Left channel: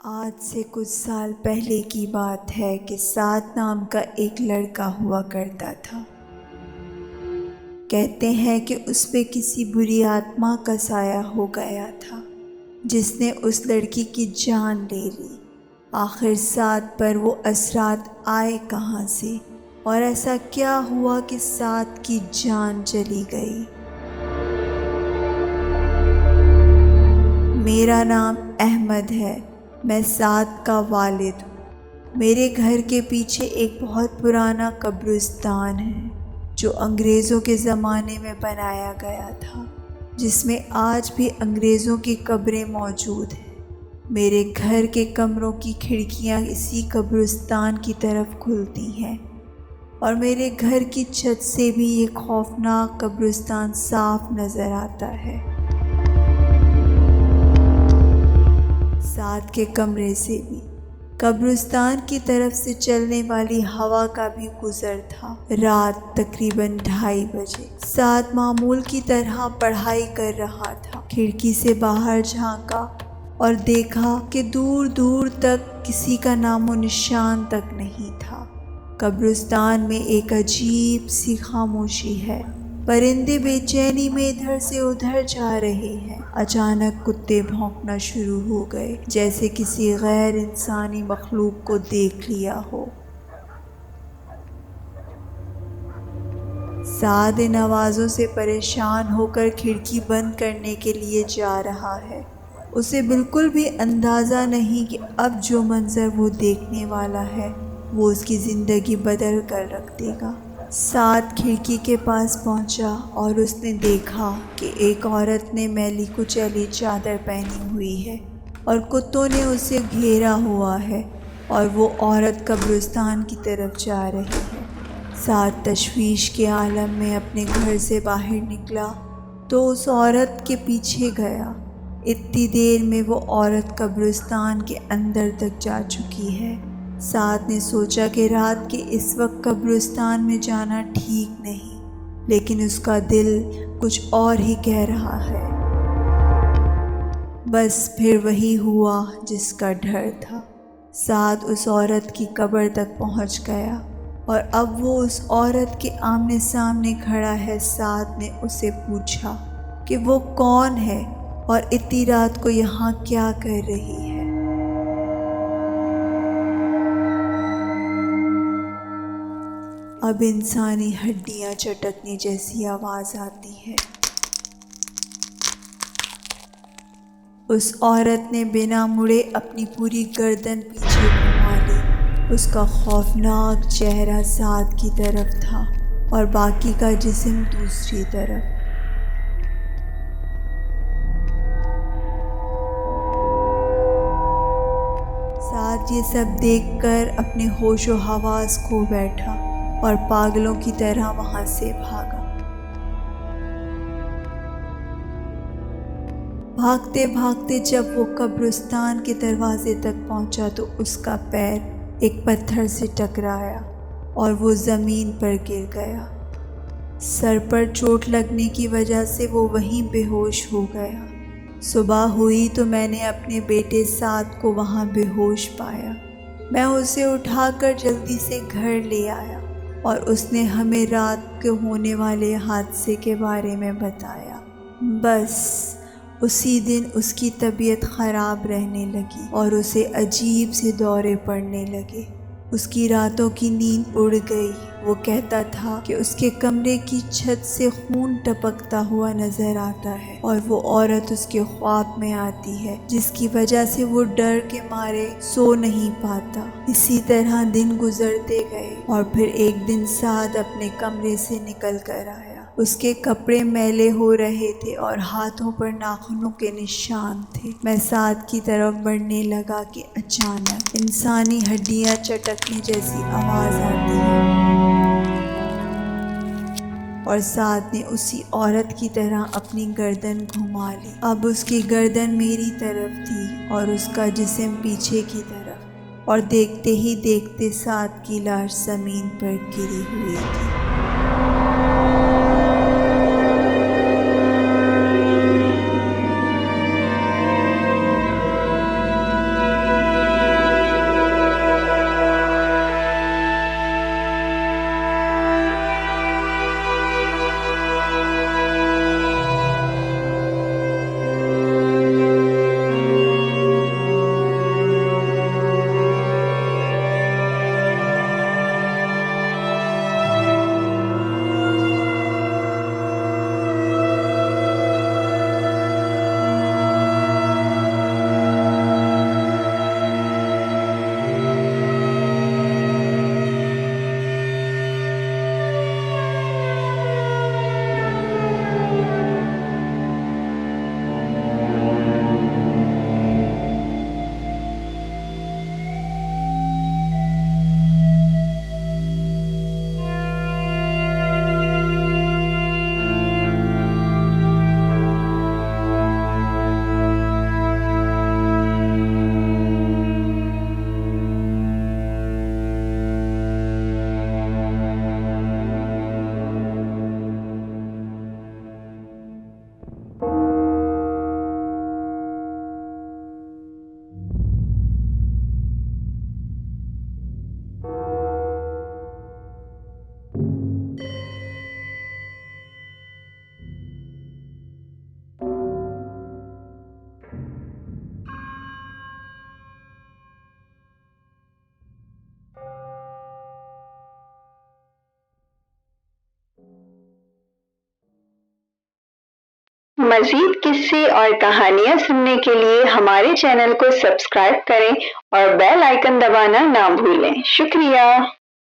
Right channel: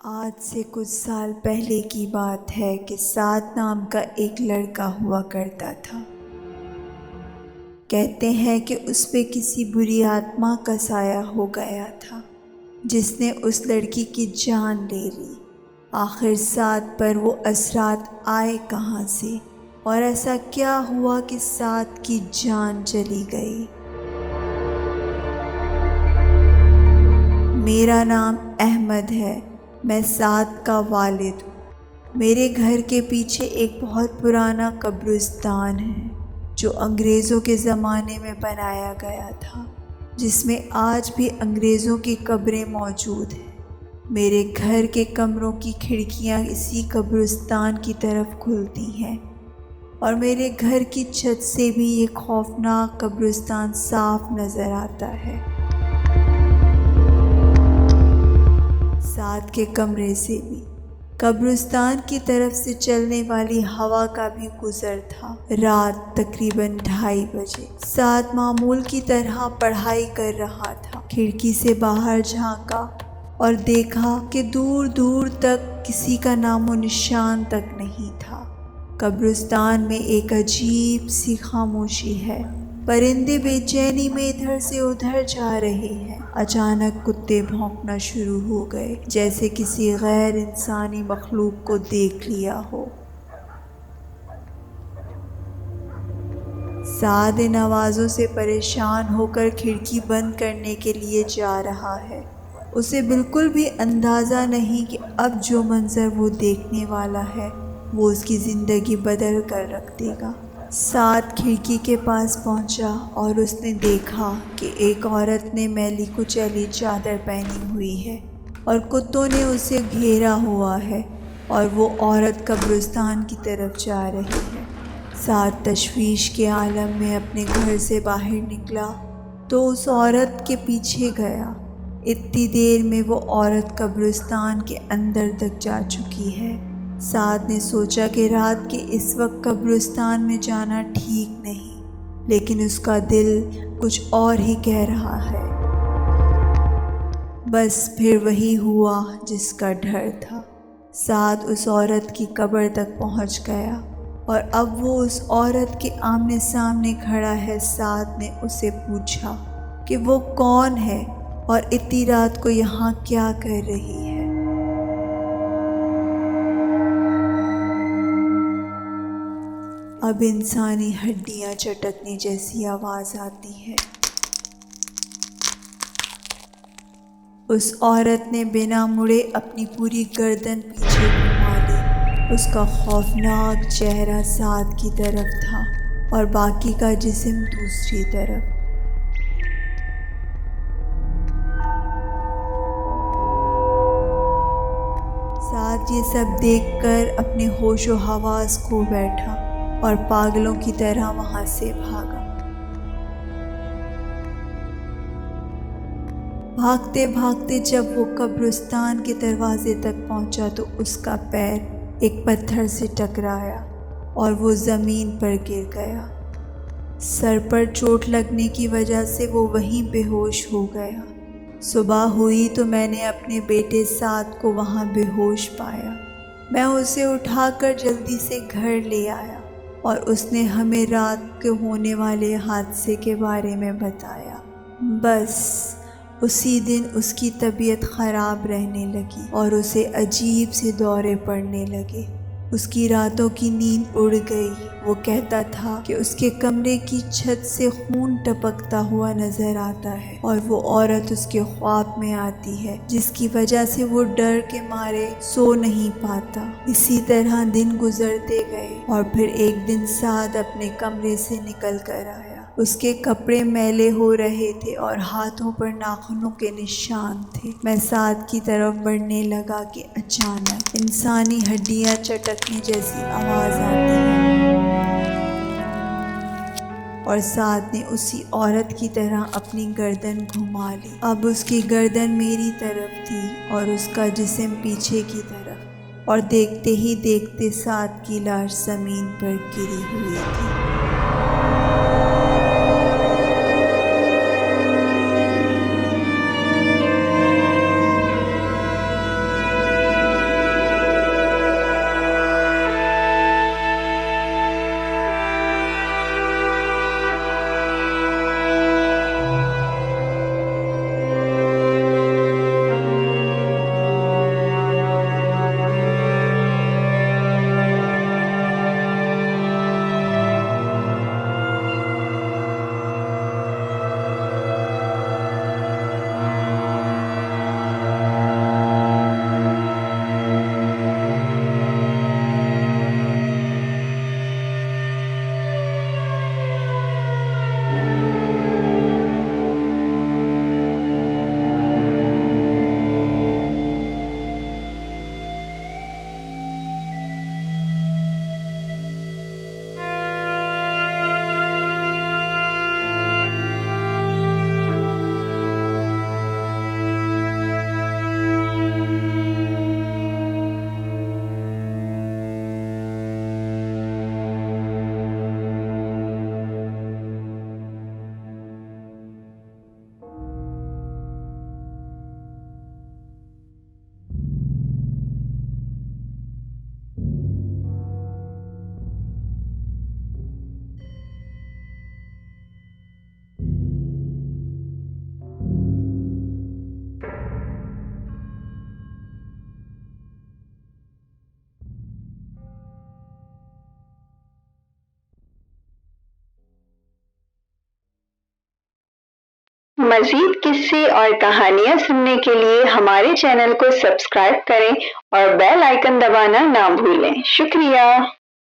آج سے کچھ سال پہلے کی بات ہے کہ سعد نام کا ایک لڑکا ہوا کرتا تھا۔ کہتے ہیں کہ اس پہ کسی بری آتما کا سایہ ہو گیا تھا جس نے اس لڑکی کی جان لے لی۔ آخر سعد پر وہ اثرات آئے کہاں سے اور ایسا کیا ہوا کہ سعد کی جان چلی گئی؟ میرا نام احمد ہے، میں سعد کا والد ہوں۔ میرے گھر کے پیچھے ایک بہت پرانا قبرستان ہے جو انگریزوں کے زمانے میں بنایا گیا تھا، جس میں آج بھی انگریزوں کی قبریں موجود ہیں۔ میرے گھر کے کمروں کی کھڑکیاں اسی قبرستان کی طرف کھلتی ہیں اور میرے گھر کی چھت سے بھی یہ خوفناک قبرستان صاف نظر آتا ہے۔ سعد کے کمرے سے بھی قبرستان کی طرف سے چلنے والی ہوا کا بھی گزر تھا۔ رات تقریباً 2:30 بجے سعد معمول کی طرح پڑھائی کر رہا تھا۔ کھڑکی سے باہر جھانکا اور دیکھا کہ دور دور تک کسی کا نام و نشان تک نہیں تھا۔ قبرستان میں ایک عجیب سی خاموشی ہے، پرندے بے چینی میں ادھر سے ادھر جا رہے ہیں۔ اچانک کتے بھونکنا شروع ہو گئے، جیسے کسی غیر انسانی مخلوق کو دیکھ لیا ہو۔ سعد ان آوازوں سے پریشان ہو کر کھڑکی بند کرنے کے لیے جا رہا ہے۔ اسے بالکل بھی اندازہ نہیں کہ اب جو منظر وہ دیکھنے والا ہے وہ اس کی زندگی بدل کر رکھ دے گا۔ سعد کھڑکی کے پاس پہنچا اور اس نے دیکھا کہ ایک عورت نے میلی کچیلی چادر پہنی ہوئی ہے اور کتوں نے اسے گھیرا ہوا ہے اور وہ عورت قبرستان کی طرف جا رہی ہے۔ سعد تشویش کے عالم میں اپنے گھر سے باہر نکلا تو اس عورت کے پیچھے گیا۔ اتنی دیر میں وہ عورت قبرستان کے اندر تک جا چکی ہے۔ سعد نے سوچا کہ رات کے اس وقت قبرستان میں جانا ٹھیک نہیں، لیکن اس کا دل کچھ اور ہی کہہ رہا ہے۔ بس پھر وہی ہوا جس کا ڈر تھا۔ سعد اس عورت کی قبر تک پہنچ گیا اور اب وہ اس عورت کے آمنے سامنے کھڑا ہے۔ سعد نے اسے پوچھا کہ وہ کون ہے اور اتنی رات کو یہاں کیا کر رہی ہے۔ اب انسانی ہڈیاں چٹکنے جیسی آواز آتی ہے۔ اس عورت نے بنا مڑے اپنی پوری گردن پیچھے گھما لی۔ اس کا خوفناک چہرہ سعد کی طرف تھا اور باقی کا جسم دوسری طرف۔ سعد یہ سب دیکھ کر اپنے ہوش و حواس کھو بیٹھا اور پاگلوں کی طرح وہاں سے بھاگا۔ بھاگتے بھاگتے جب وہ قبرستان کے دروازے تک پہنچا تو اس کا پیر ایک پتھر سے ٹکرایا اور وہ زمین پر گر گیا۔ سر پر چوٹ لگنے کی وجہ سے وہ وہیں بے ہوش ہو گیا۔ صبح ہوئی تو میں نے اپنے بیٹے سعد کو وہاں بے ہوش پایا۔ میں اسے اٹھا کر جلدی سے گھر لے آیا اور اس نے ہمیں رات کو ہونے والے حادثے کے بارے میں بتایا۔ بس اسی دن اس کی طبیعت خراب رہنے لگی اور اسے عجیب سے دورے پڑنے لگے۔ اس کی راتوں کی نیند اڑ گئی۔ وہ کہتا تھا کہ اس کے کمرے کی چھت سے خون ٹپکتا ہوا نظر آتا ہے اور وہ عورت اس کے خواب میں آتی ہے، جس کی وجہ سے وہ ڈر کے مارے سو نہیں پاتا۔ اسی طرح دن گزرتے گئے اور پھر ایک دن سعد اپنے کمرے سے نکل کر آیا۔ اس کے کپڑے میلے ہو رہے تھے اور ہاتھوں پر ناخنوں کے نشان تھے۔ میں سعد کی طرف بڑھنے لگا کہ اچانک انسانی ہڈیاں چٹکنے جیسی آواز آتی ہے اور سعد نے اسی عورت کی طرح اپنی گردن گھما لی۔ اب اس کی گردن میری طرف تھی اور اس کا جسم پیچھے کی طرف، اور دیکھتے ہی دیکھتے سعد کی لاش زمین پر گری ہوئی تھی۔ مزید قصے اور کہانیاں سننے کے لیے ہمارے چینل کو سبسکرائب کریں اور بیل آئیکن دبانا نہ بھولیں۔ شکریہ۔